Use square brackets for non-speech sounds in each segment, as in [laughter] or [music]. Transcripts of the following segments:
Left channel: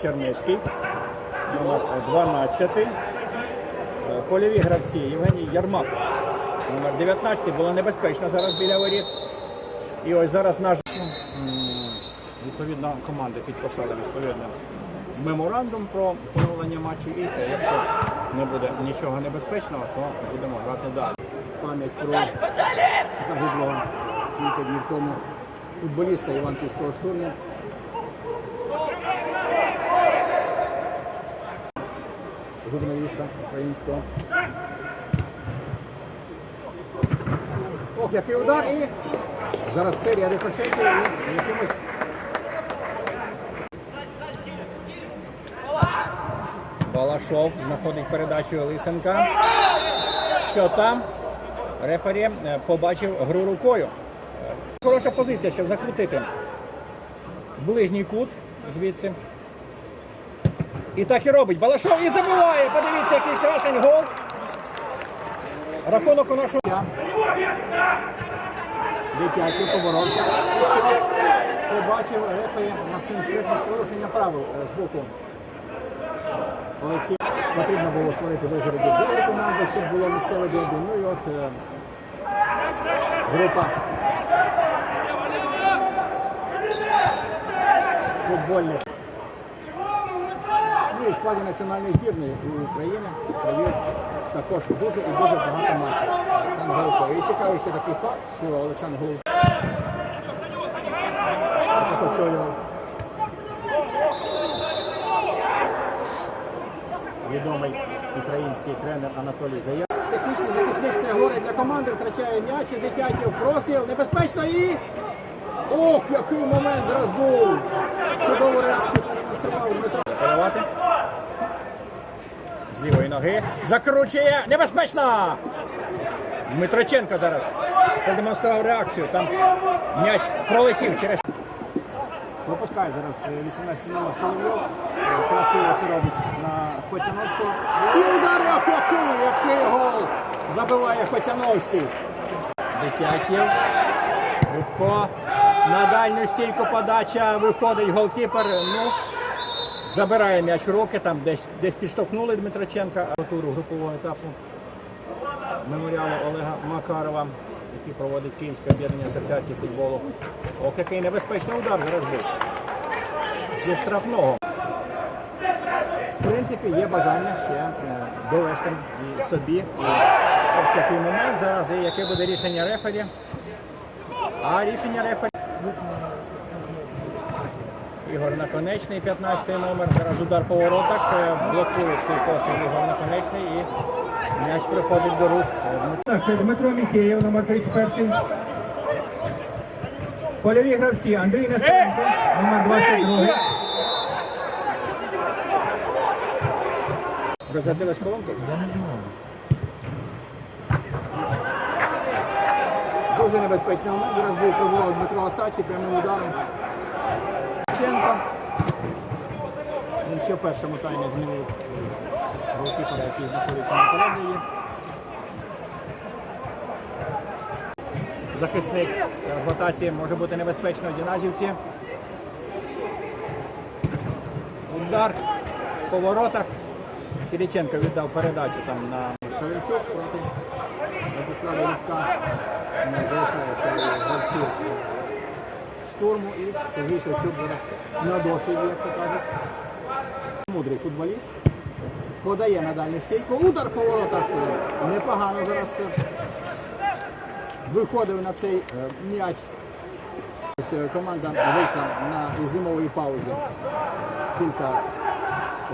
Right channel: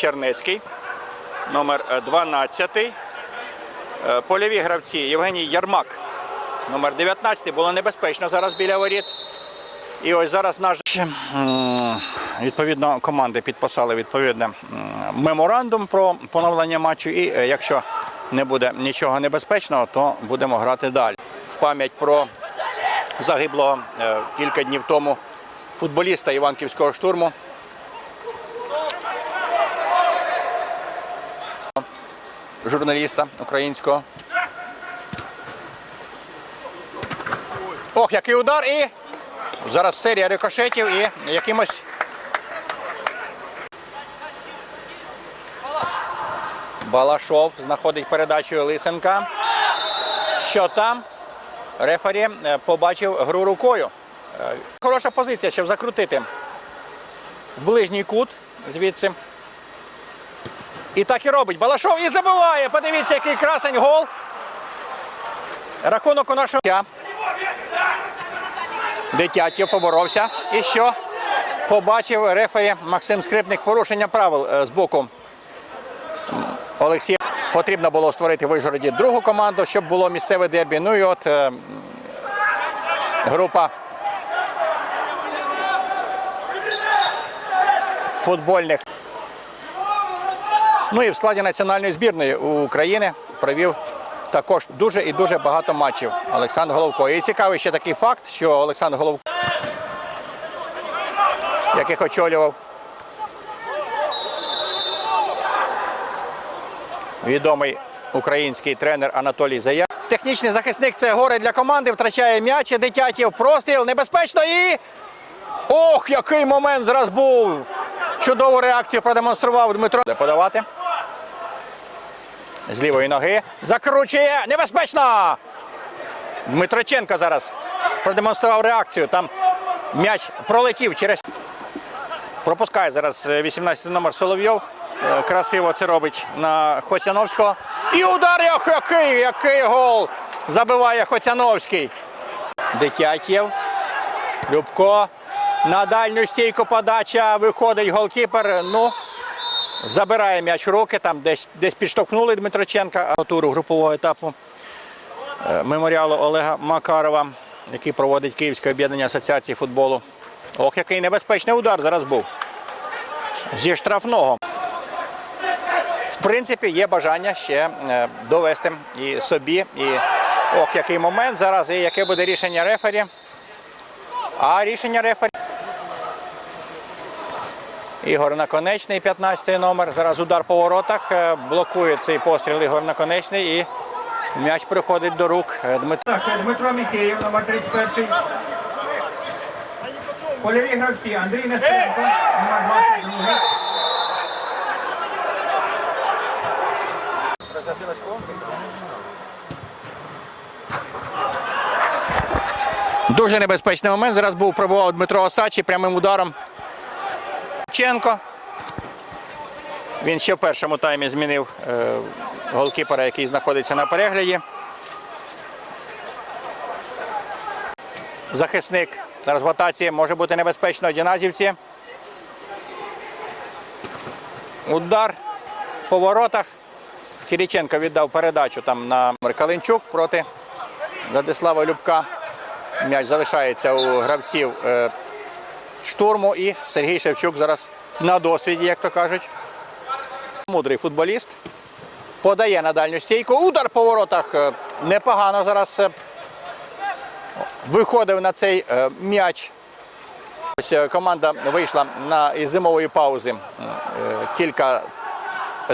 Чернецький, номер е, 12. Е, Польові гравці Євгеній Ярмак, номер 19. Було небезпечно зараз біля воріт. І ось зараз наш відповідно команди підписали відповідне меморандум про поновлення матчу. І е, якщо не буде нічого небезпечного, то будемо грати далі. В пам'ять про загиблого е, кілька днів тому футболіста Іванківського штурму. Журналіста українського. Ох, який удар і зараз серія рикошетів і якимось. Балашов знаходить передачу Лисенка. Що там? Рефері е, побачив гру рукою. Е, Хороша позиція, щоб закрутити в ближній кут звідси. І так і робить. Балашов і забиває. Подивіться, який красень гол. Рахунок у нашого. Дитятів поборовся. І що? Побачив рефері Максим Скрипник порушення правил е, з боку Олексія. Потрібно було створити в Вижгороді другу команду, щоб було місцеве дербі. Ну і от е, група футбольних. Ну і в складі національної збірної України провів також дуже і дуже багато матчів. Олександр Головко. І цікавий ще такий факт, що Олександр Головко, яких очолював відомий український тренер Анатолій Зая. Технічний захисник це горе для команди, втрачає м'яч, і дитятів, простріл, небезпечно і. Ох, який момент зараз був! Чудову реакцію продемонстрував Дмитро. Подавати. З лівої ноги. Закручує. Небезпечно! Дмитроченко зараз продемонстрував реакцію. Там м'яч пролетів через. Пропускає зараз е, 18 номер Соловйов. Е, Красиво це робить на Хоцяновського. І удар, який, який гол! Забиває Хоцяновський. Дитятєв. Любко. На дальню стійку подача. Виходить голкіпер. Ну, забирає м'яч руки. Там десь, десь підштовхнули Дмитроченка. А туру групового етапу е, меморіалу Олега Макарова, який проводить Київське об'єднання асоціації футболу. Ох, який небезпечний удар зараз був. Зі штрафного. В принципі, є бажання ще е, довести і собі. І ох, який момент зараз, і яке буде рішення рефері. А рішення рефері. Ігор Наконечний, 15-й номер. Зараз удар по воротах. Е, Блокує цей постріл Ігор Наконечний і м'яч приходить до рук е, Дмитро. Дмитро Міхеєв, номер 31. Польові гравці Андрій Нестеренко, номер 22. Розрядилась колонка? Дуже небезпечний момент. Зараз був пробував Дмитро Осачі прямим ударом. Ченко. Він ще в першому таймі змінив е, голкіпера, який знаходиться на перегляді. Захисник зараз в ротації може бути небезпечно Діназівці. Удар по воротах. Кириченко віддав передачу там на Калинчук проти Владислава Любка. М'яч залишається у гравців е, штурму і Сергій Шевчук зараз на досвіді, як то кажуть. Мудрий футболіст. Подає на дальню стійку. Удар по воротах. е, Непогано зараз е, виходив на цей е, м'яч. Ось команда вийшла на із зимової паузи кілька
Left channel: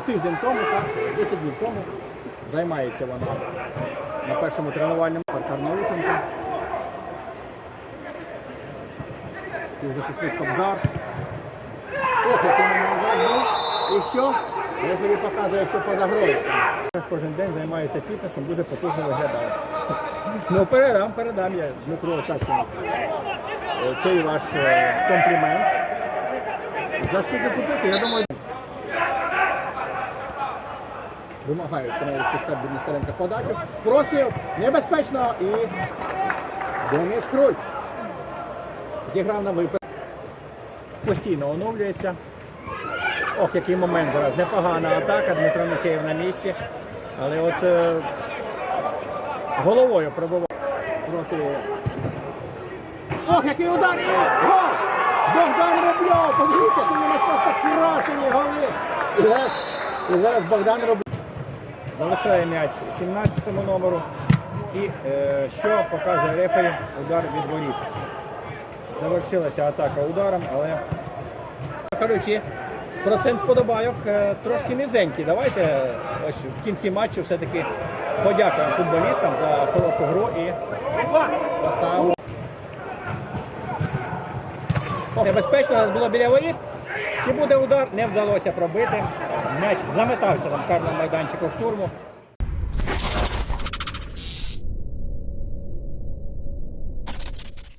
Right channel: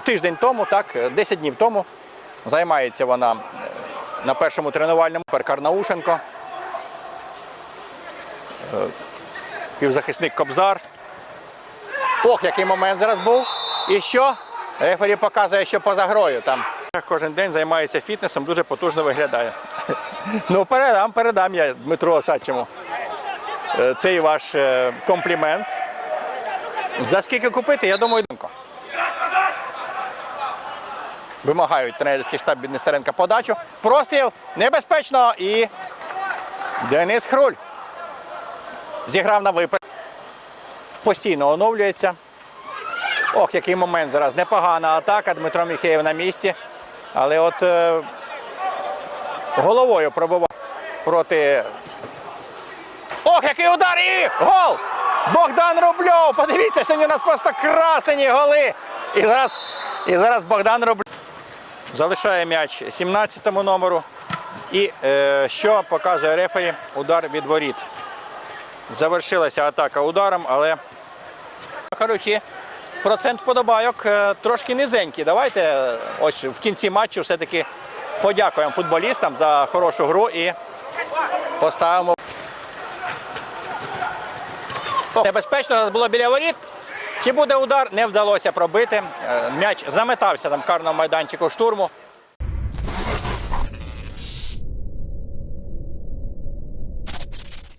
тиждень тому, так, е, 10 днів тому. Займається вона на першому тренувальному Перкар Наушенко. Е, Півзахисник Кобзар. Ох, який момент зараз був. І що? Рефері показує, що поза грою там. Кожен день займається фітнесом, дуже потужно виглядає. [laughs] Ну, передам, передам я Дмитру Осадчому. Е, Цей ваш е, комплімент. За скільки купити, я думаю, вимагають тренерський штаб від подачу. Простріл небезпечно і Денис Хруль зіграв на випад. Постійно оновлюється. Ох, який момент зараз. Непогана атака. Дмитро Міхеєв на місці. Але от е, головою пробував проти. Ох, який удар! І гол! Богдан Рубльов! Подивіться, сьогодні у нас просто красені голи. І зараз, і зараз Богдан Рубльов залишає м'яч 17-му номеру. І е, що показує рефері? Удар від воріт. Завершилася атака ударом, але Коротше, процент подобайок е, трошки низенький. Давайте е, ось в кінці матчу все-таки подякуємо футболістам за хорошу гру і поставимо. Небезпечно було біля воріт. Чи буде удар? Не вдалося пробити. Е, М'яч заметався там в карному майданчику штурму.